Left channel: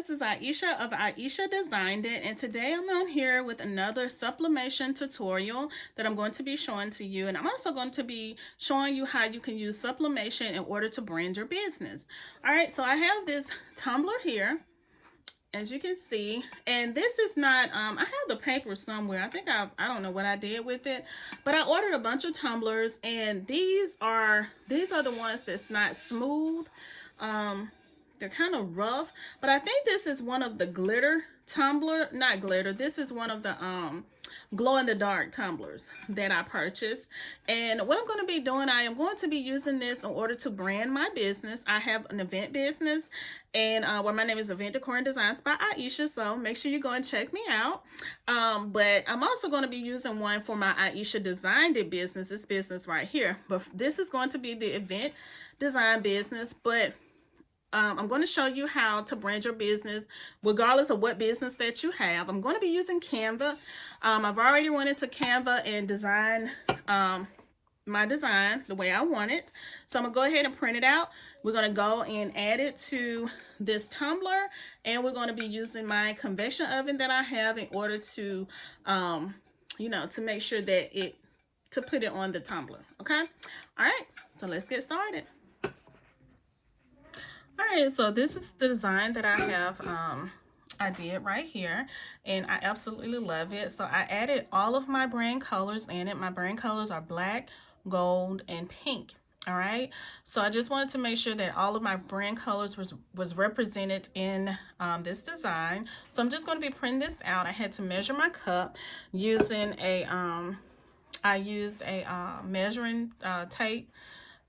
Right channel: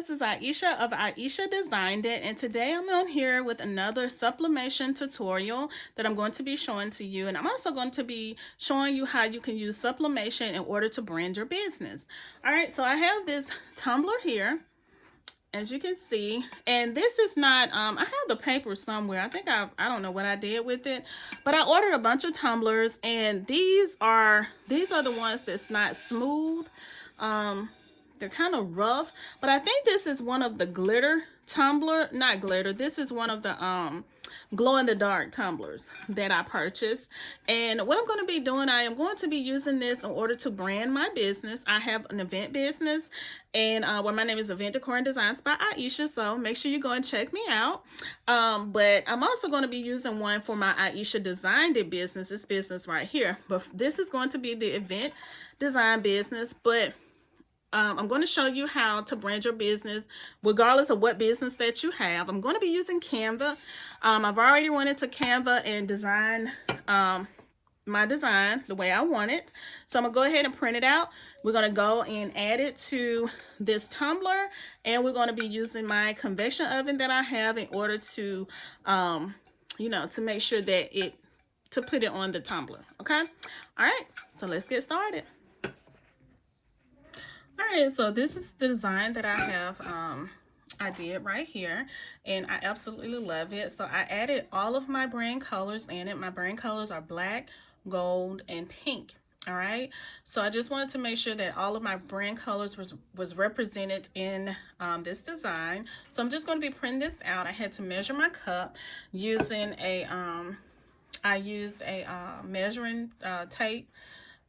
this is Ieasha of Ieasha Designed It, and today I'm on here with another sublimation tutorial that I'm going to be showing to you. And I'm also going to be showing you how you can use sublimation in order to brand your business. All right, so I have this tumbler here, as you can see, and this is not, I have the paper somewhere. I think I don't know what I did with it, but I ordered a bunch of tumblers, and these are the ones that's not smooth. They're kind of rough, but I think this is one of the glitter tumbler, not glitter. This is one of the glow in the dark tumblers that I purchased. And what I'm going to be doing, I am going to be using this in order to brand my business. I have an event business, and well, my name is Event Decor and Designs by Ieasha, so make sure you go and check me out. But I'm also going to be using one for my Ieasha Designed It business, this business right here. But this is going to be the event design business, but I'm going to show you how to brand your business regardless of what business that you have. I'm going to be using Canva. I've already went into Canva and designed my design the way I want it. So I'm going to go ahead and print it out. We're going to go and add it to this tumbler, and we're going to be using my convection oven that I have in order to, you know, to make sure that to put it on the tumbler. Okay. All right. So let's get started. All right, so this is the design that I have, I did right here, and I absolutely love it. So I added all of my brand colors in it. My brand colors are black, gold, and pink. All right, so I just wanted to make sure that all of my brand colors was represented in this design. So I'm just going to be printing this out. I had to measure my cup using a, I used a measuring tape.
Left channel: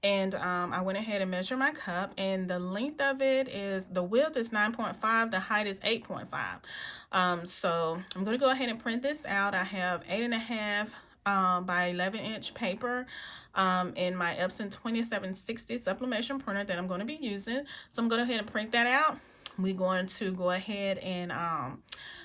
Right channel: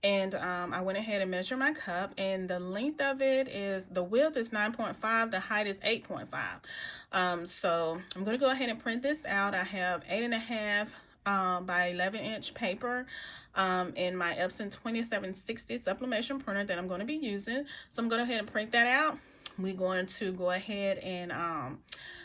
And I went ahead and measured my cup, and the length of it is, the width is 9.5, the height is 8.5. So I'm going to go ahead and print this out. I have 8.5 by 11-inch paper in my Epson 2760 sublimation printer that I'm going to be using. So I'm going to go ahead and print that out. We're going to go ahead and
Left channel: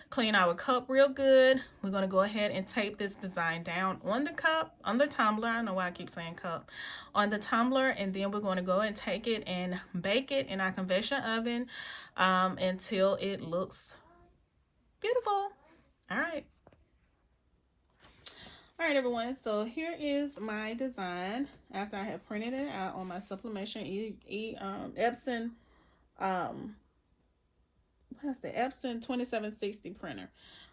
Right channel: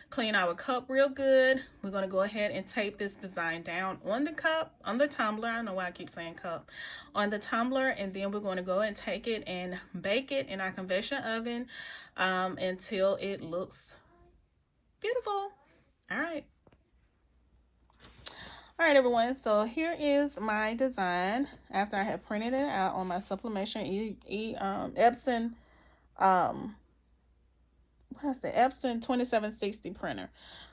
clean our cup real good. We're going to go ahead and tape this design down on the cup, on the tumbler. I don't know why I keep saying cup, on the tumbler, and then we're going to go and take it and bake it in our convection oven until it looks beautiful. All right, everyone, so here is my design after I have printed it out on my sublimation Epson Epson 2760 printer.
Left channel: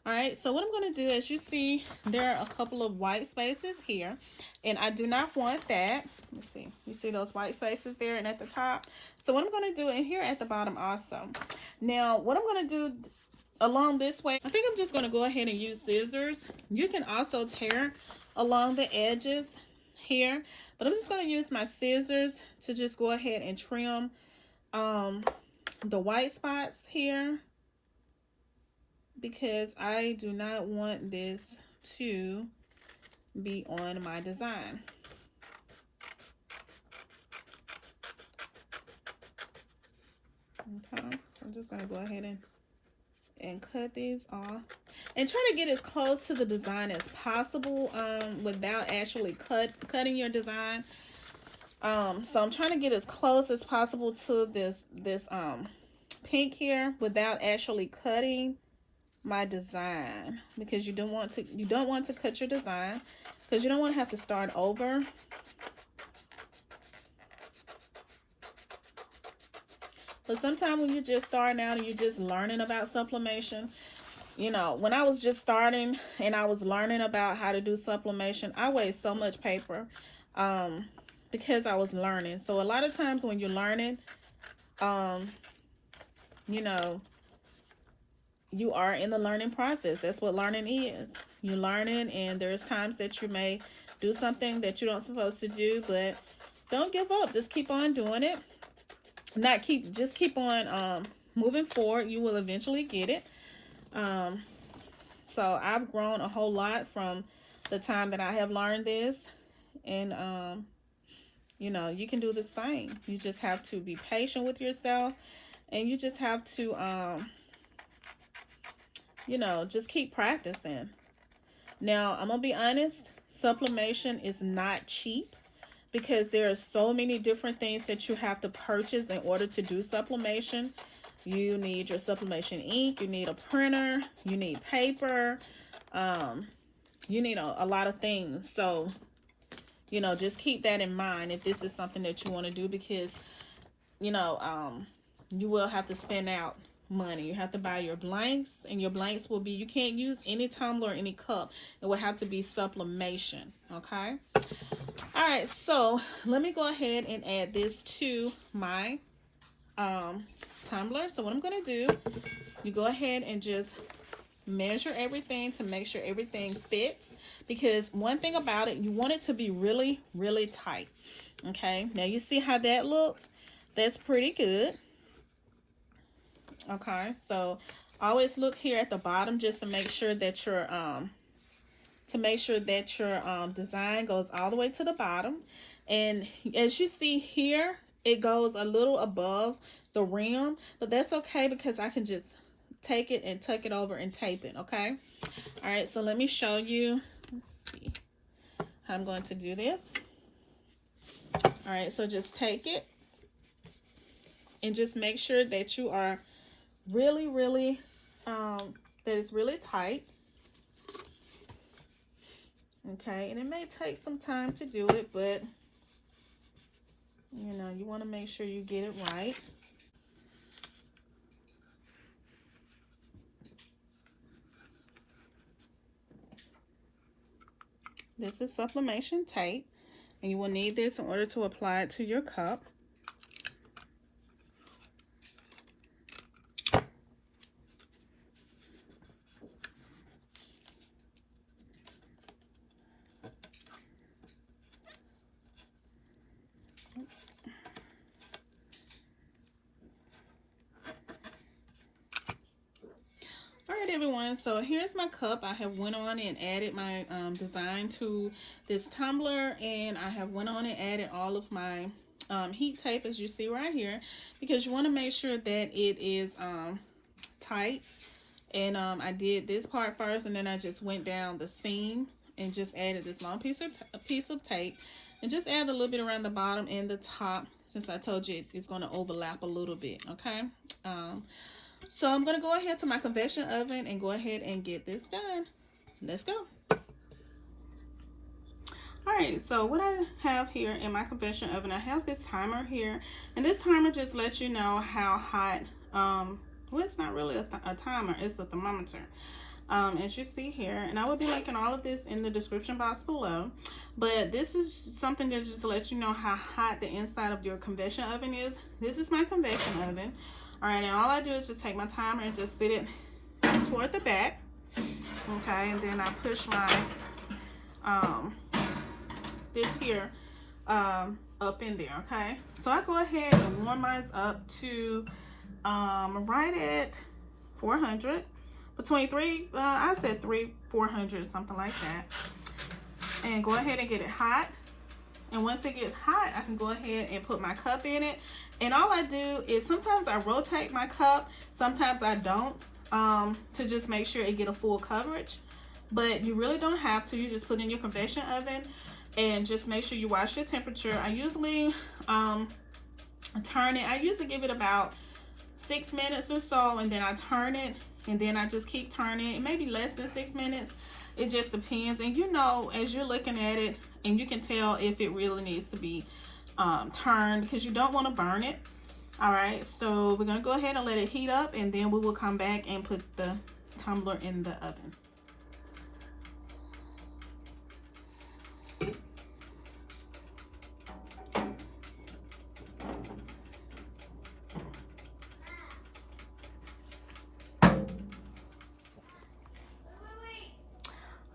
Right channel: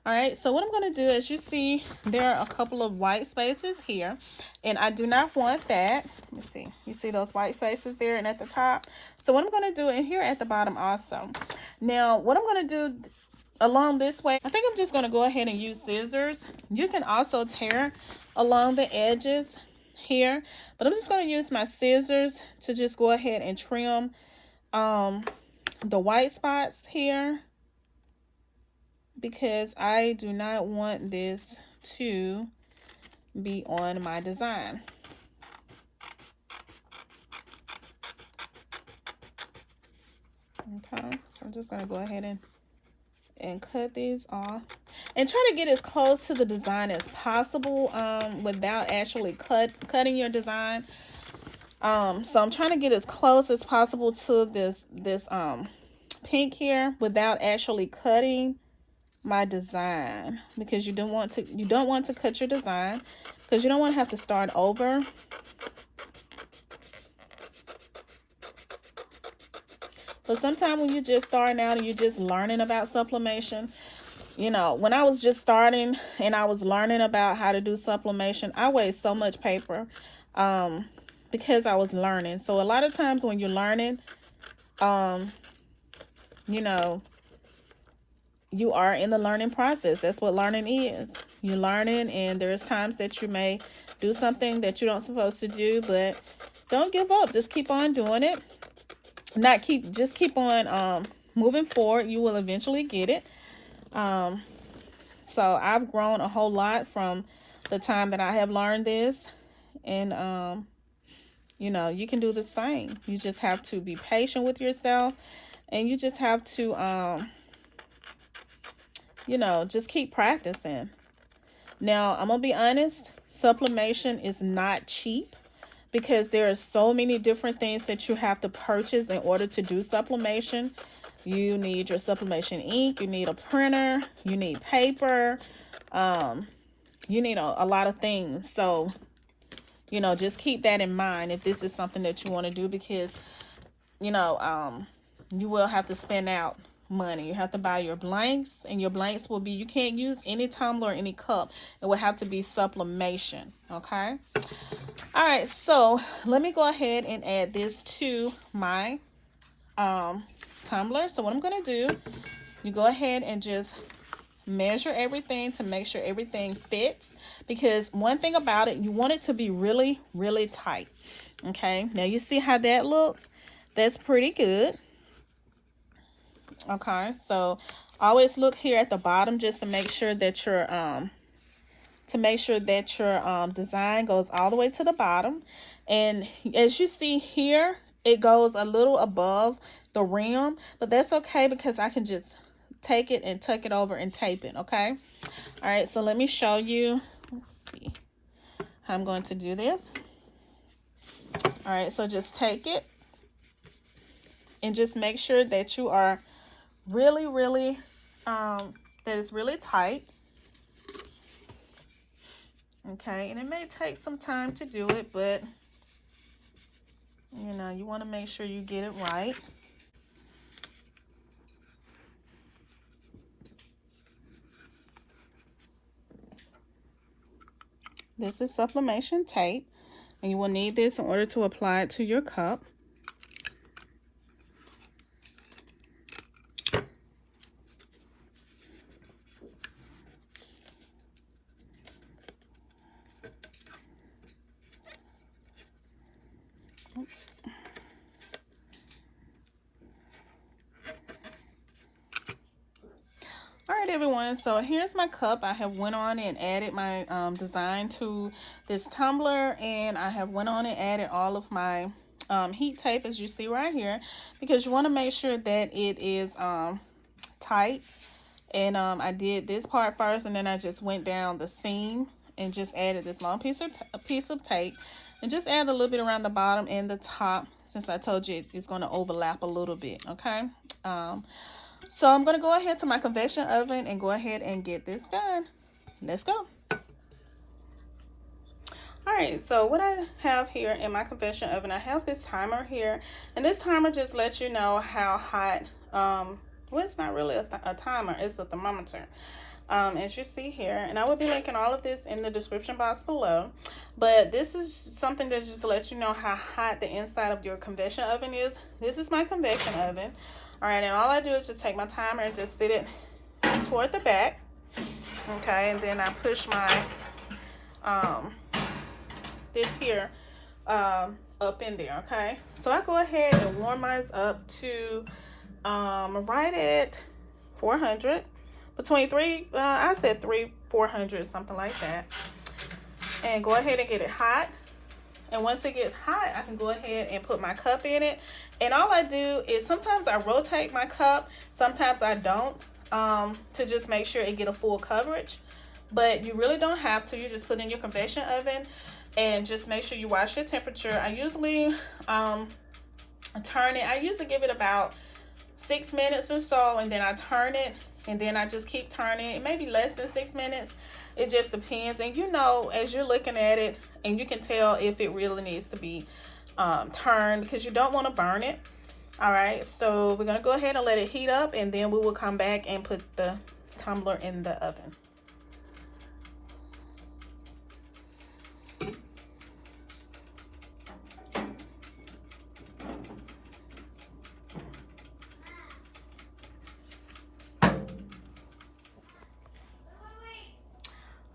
All right, so what I'm going to do, as you see, there are a couple of white spaces here, and I do not want that. Let me see, you see those white spaces there and at the top? So what I'm going to do, and here at the bottom also. Now what I'm going to do along this way, I think I'm just going to go ahead and use scissors. You can also tear along the edges here, but I'm just going to use my scissors to just go ahead and trim the white spots here, because I do not want this to be on my design. Okay, so I'm just going to go ahead and cut these off and try to get as close to the design as possible without actually cutting your design. So I'm trying to get as close as possible to this pink here without actually cutting my design, because you don't want to cut your design, because you don't want to have to start over. But sometimes when you're just starting out and you're just learning about sublimation, you know, when I was just starting and I was learning about how to do sublimation, I wasted so much paper because I was learning. So a lot of times when you're learning, you know, you are in the learning process. That's what learning is. You're learning, and there's times that you may do something that you don't supposed to do, but don't give up. Just keep on doing it. Just keep on moving forward. You will eventually get it. So I've grown a whole lot from the time that I have learned this, and you know, you can do the same. You just have to be patient with yourself, and you just have to you know, just keep practicing. Now, I'm gonna be honest, sublimation is not cheap, because there are so many different things that you have to purchase in order to do sublimation. You need your sublimation ink, you need a printer, you need paper, you need a lot of things. So, you know, just keep that in mind if this is something that you want to do, because, you know, you will have to spend out money. You have to buy your blanks, and your blanks will be, you can't use any tumbler or any cup. It will have to be sublimation, okay? All right, so let me go ahead and add this to my tumbler. So what I'm going to do, you go ahead and just measure everything to make sure everything fits, because one thing about it, you want it to be really, really tight. Okay, now you see how that looks? That's pretty good. Okay, so always look here at the bottom just to make sure that your design goes all the way to the bottom. And as you see here, it goes a little above the rim, but that's okay because I can just take it and tuck it over and tape it. Okay, all right, so let me show you. Let's see how I'm going to do this. All right, so just take it and just make sure that you are really, really that is really tight. Okay, and it may take some time to do it, but you know, you want to make sure you get it right. This is sublimation tape, and you will need this in order to apply it to your cup. Oops. All right, everyone, so here's my cup. I have went on and added my design to this tumbler, and I have went on and added all of my heat tape, as you see right here, because you want to make sure that it is tight. And I did this part first, and then I just went down the seam and just added this long piece of tape, and just add a little bit around the bottom and the top, since I told you it's going to overlap a little bit. Okay, so I'm going to go ahead to my convection oven and go ahead and get this done. Let's go. All right, so what I have here in my convection oven, I have this timer here, and this timer just lets you know how hot, well, it's not really a timer, it's a thermometer, as you see here, and I will be linking all of this in the description box below. But this is something that just lets you know how hot the inside of your convection oven is. This is my convection oven. All right, and all I do is just take my timer and just sit it toward the back. Okay, and then I push my this here up in there. Okay, so I go ahead and warm mine up to right at 400, between I said 400, something like that, and go ahead and get it hot. And once it gets hot, I can go ahead and put my cup in it. And all I do is sometimes I rotate my cup, sometimes I don't, to just make sure it get a full coverage. But you really don't have to. You just put in your convection oven and just make sure you watch your temperature. I usually turn it. I usually give it about 6 minutes or so, and then I turn it, and then I just keep turning it. Maybe less than 6 minutes. It just depends. And you know, as you're looking at it, and you can tell if it really needs to be turned, because you don't want to burn it. All right, so we're going to go ahead and let it heat up, and then we will come back and put the tumbler in the oven.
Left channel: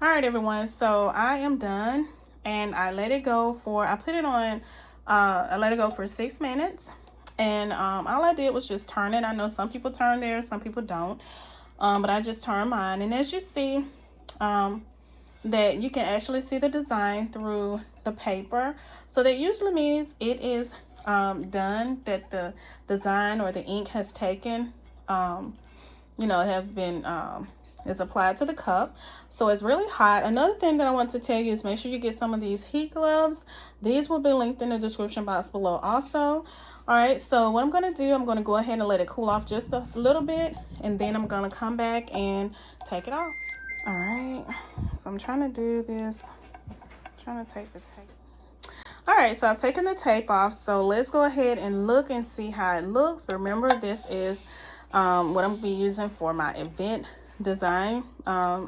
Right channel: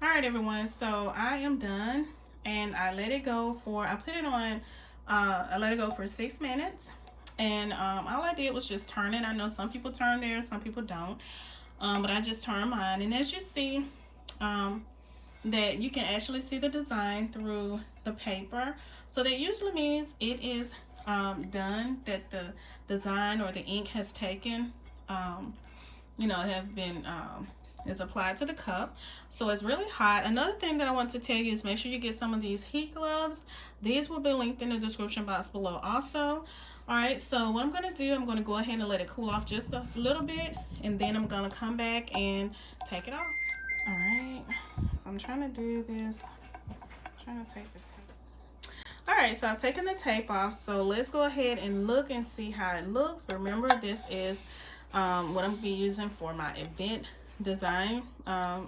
All right, everyone, so I am done, and I let it go for, I put it on, I let it go for 6 minutes, and all I did was just turn it. I know some people turn theirs, some people don't, but I just turned mine, and as you see, that you can actually see the design through the paper, so that usually means it is done, that the design or the ink has taken, you know, have been is applied to the cup. So it's really hot. Another thing that I want to tell you is make sure you get some of these heat gloves. These will be linked in the description box below also. All right, so what I'm gonna do, I'm gonna go ahead and let it cool off just a little bit, and then I'm gonna come back and take it off. All right, so I'm trying to do this, I'm trying to take the tape. All right, so I've taken the tape off, so let's go ahead and look and see how it looks. Remember, this is what I'm gonna be using for my event design. I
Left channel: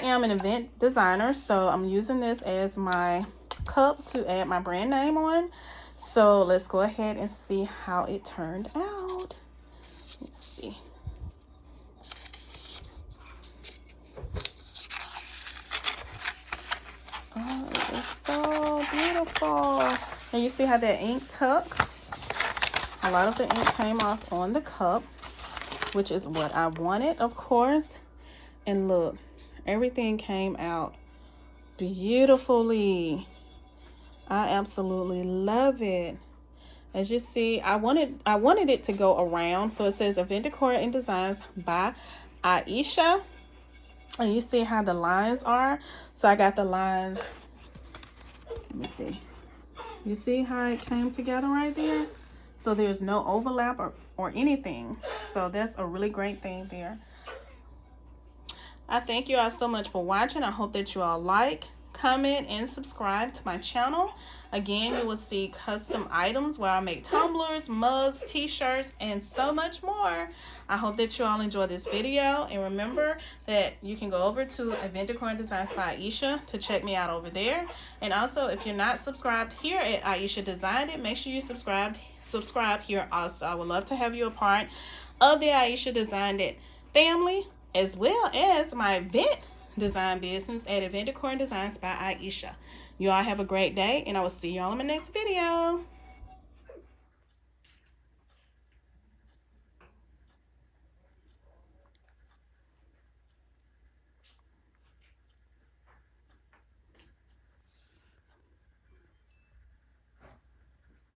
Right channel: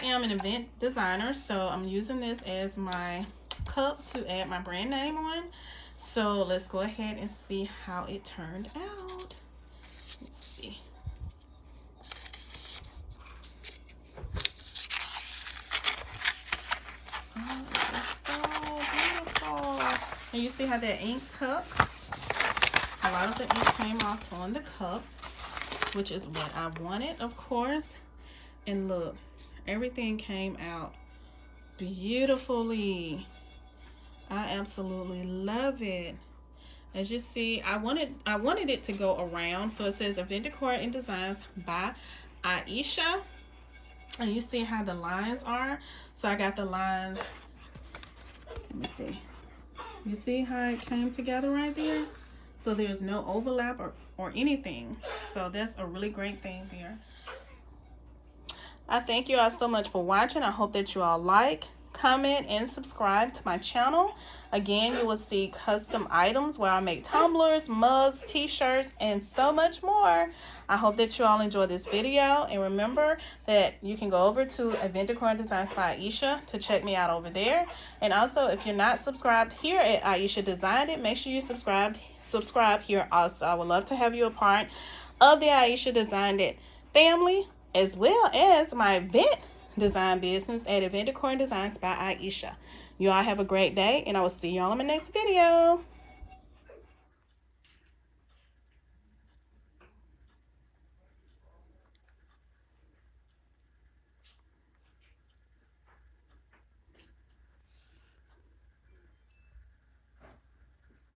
am an event designer, so I'm using this as my cup to add my brand name on. So let's go ahead and see how it turned out. Let's see. Oh, it's so beautiful. And you see how that ink took? A lot of the ink came off on the cup, which is what I wanted, of course. And look, everything came out beautifully. I absolutely love it. As you see, I wanted it to go around. So it says Event Decor and Designs by Ieasha. And you see how the lines are. So I got the lines. Let me see. You see how it came together right there? So there's no overlap or anything. So that's a really great thing there. I thank you all so much for watching. I hope that you all like, comment, and subscribe to my channel. Again, you will see custom items where I make tumblers, mugs, t-shirts, and so much more. I hope that you all enjoy this video, and remember that you can go over to Event Decor and Designs by Ieasha to check me out over there. And also, if you're not subscribed here at Ieasha Designed It, make sure you subscribe here also. I would love to have you a part of the Ieasha Designed It family, as well as my event design business at Event Decor and Designs by Ieasha. You all have a great day, and I will see you all in my next video.